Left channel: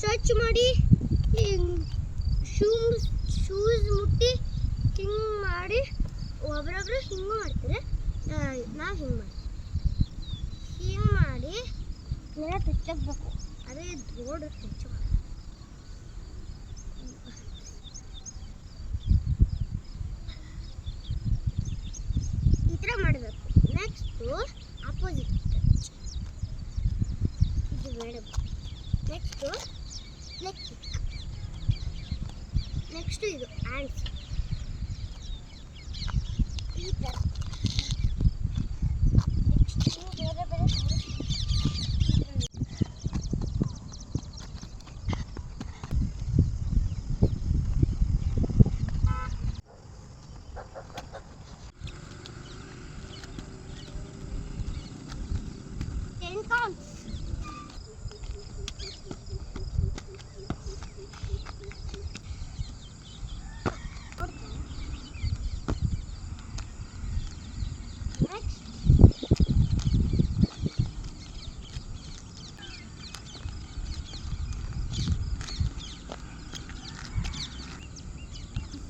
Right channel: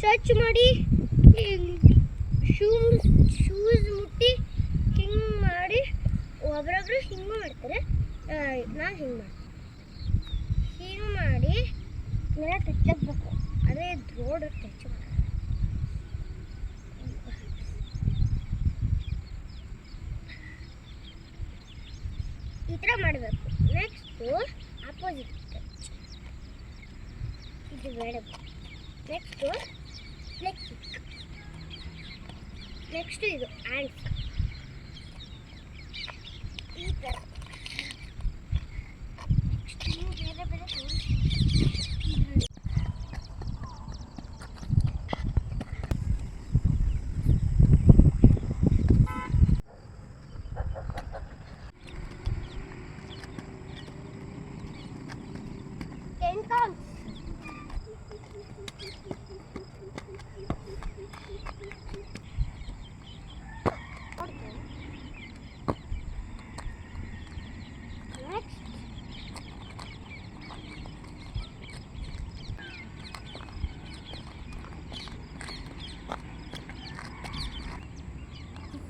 ಸ್ವಚ್ಛ ಮಾಡಿ ಶೂಸ್ ಮುಟ್ಟಿ ಹಿಂಗೆ ಮಾಡಿ ಒಬ್ರೊಬ್ರು ಹಿಂಗೆ ಮಾಡ್ತಾರೆ. ನಾನು ಹಿಂಗೆ ಮಾಡ್ತೀನಿ. ಹಿಂಗೆ ಮಾಡಿ ನೆಲ ಟಚ್ಚಾಗಬೇಕು. ಅದೇ ರೋಡ್ ಟಚ್ ಮಾಡಿ ಈ ಥರ ಮಾಡಬೇಕು. ನೆಕ್ಸ್ಟು ಆಪೋಸಿಟ್ ಟಚ್, ಇದು ಬೇಡ. Next leg kick. ನೆಕ್ಸ್ಟು ಇದು ಹ್ಯಾಂಡ್ಸ್ ಈ ಥರ. ನೆಕ್ಸ್ಟ್ ಬೇರೆ ಬೇರೆ counts. Next,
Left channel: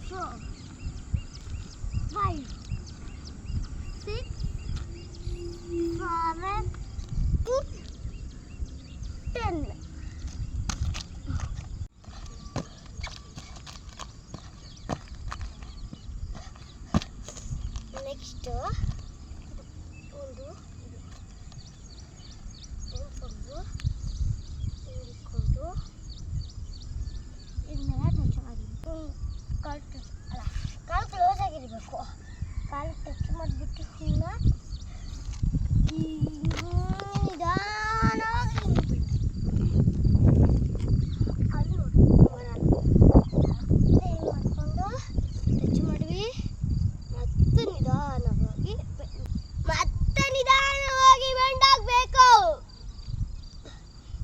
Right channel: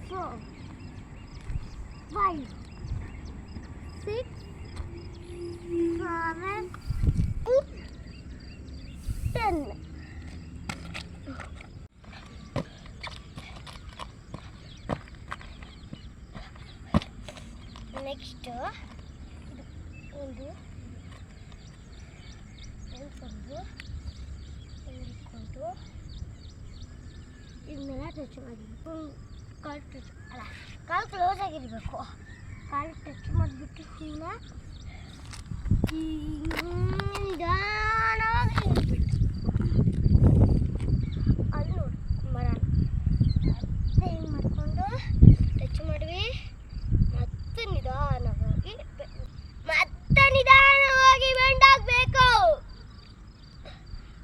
four, 5, 6, 7, 10. Next, ಒಂದು ಇದನ್ನೆಲ್ಲ ಟಚ್ ಮಾಡಿಬಿಟ್ಟು ಕಾಲು ಟಚ್ ಅಲ್ಲ ಕಾಲು ಕ್ಲೋಸ್ ಆಗಿರಬೇಕು. ಕಾಲು ಟಚ್ ಮಾಡಿಬಿಟ್ಟು ಹಿಂಗೆ ನಿಧಾನವಾಗಿ ಅಲ್ಲಿ ನೋಡಿ ಹಿಂಗೆ ಮಾಡಿಕೊಂಡು ಟಚ್ ಮಾಡಿವಿ. ಮತ್ತೆ ನಿಧಾನವಾಗಿ ಬೆಂಡ್ ಆಗಬೇಕು.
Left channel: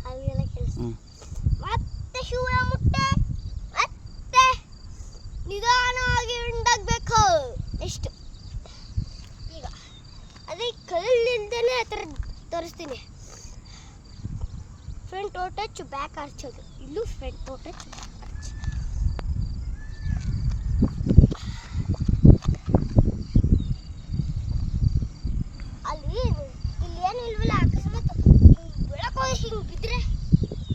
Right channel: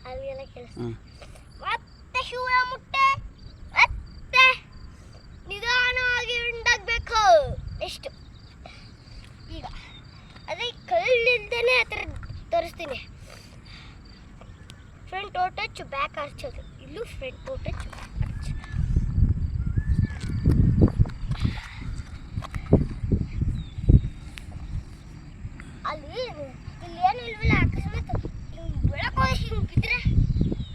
ಅಲ್ಲಿಗೆಲ್ಲ ಕೆಲಸ. ಮತ್ತೆ ಶೂನ ಮುಟ್ಟೆ ಮತ್ತೆ ನಿಧಾನವಾಗಿ ಬೆಂಡ್ ಆಗಬೇಕು. ಎಷ್ಟು ಈಗ ಅದೇ ಕಲ್ಲಿಲ್ದೇನೆ ಆ ಥರ ತೋರಿಸ್ತೀನಿ. ಫ್ರಂಟ್ ಟೋ ಟಚ್, ಬ್ಯಾಕ್ ಆರ್ಚೋದು. ಇಲ್ಲೂ ಫ್ರಂಟ್ ಟೋ ಟಚ್, ಆರ್ಚ್. ಅಲ್ಲಿ ಏನು ಇಲ್ವಲ್ಲ, ಅಕಸ್ಮಾತ್ ಬೆಳಕು ಹಿಂಗೆ ಬಿದ್ದರೆ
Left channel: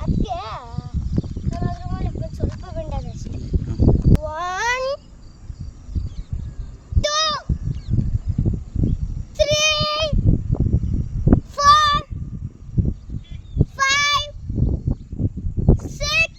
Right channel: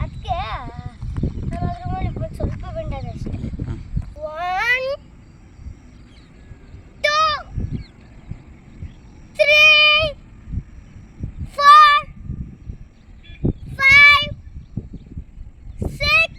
ಅದಕ್ಕೆ ನಾವು ಅದ್ರ ಮೇಲೆ ಸ್ವಲ್ಪ ಬೆಂಡದ ಅಷ್ಟೇ. 1, 2, 3, 4, 5, 6,